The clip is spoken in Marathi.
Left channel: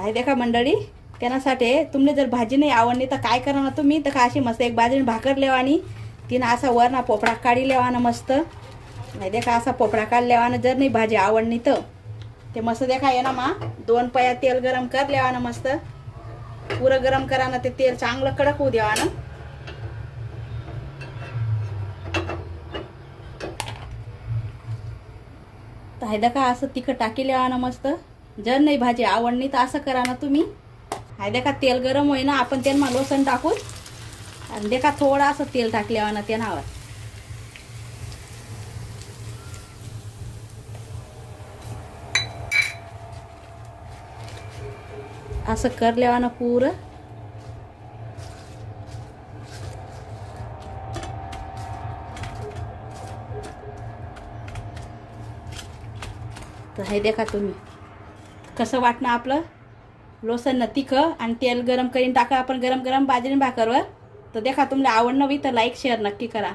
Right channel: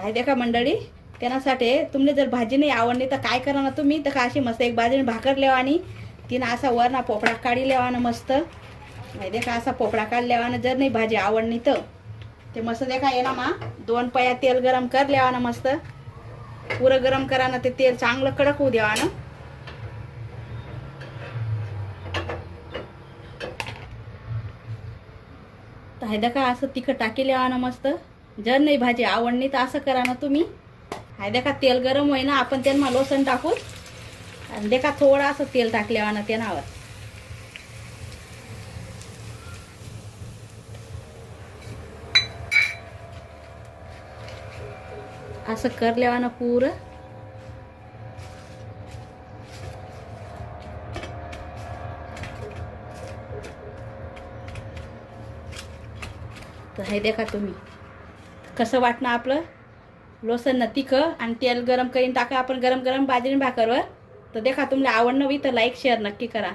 आहे देखा मंडळी, त्यासाठी तुमने जर भाजी नाही आवडली तर काय करा ना तुम्ही, तर का अशी मस्त एक बाजूने भाकर लेवानी तिनं असा वर ना पोपळा काढी लेवाना मस्त. नाही देखा असा पोपळा काढ लेवाना, जर नाही भाजी आवडली तर ते मस्त देखा ये ना मा 2 पया तेल गरम कर लेवाना मस्त. पुरं गरम करा ना, ते तेल चांगलं कडक होऊ द्यावा ना. तर हे देखा असं तिखट टाकी लेवा ना मस्त. जर नाही भाजी आवडली तर असं करा ना तुम्ही. हे देखा तेल गरम होई ना, आपण त्यांना लसूण टाकू आणि देखा थोडं असं तेल टाकलेवा ना त्यानावर. असं कर लेवा ना पुरं. तर हे देखा तुम्ही कसं वाटणं आपलं लोसन न तिखं आणि तेल गरम करून टाका आपण गरम गरम बाजरी भाकरवर. तर देखा तुम्हाला आवडणं बी तर लाईक शेअर नक्की करा.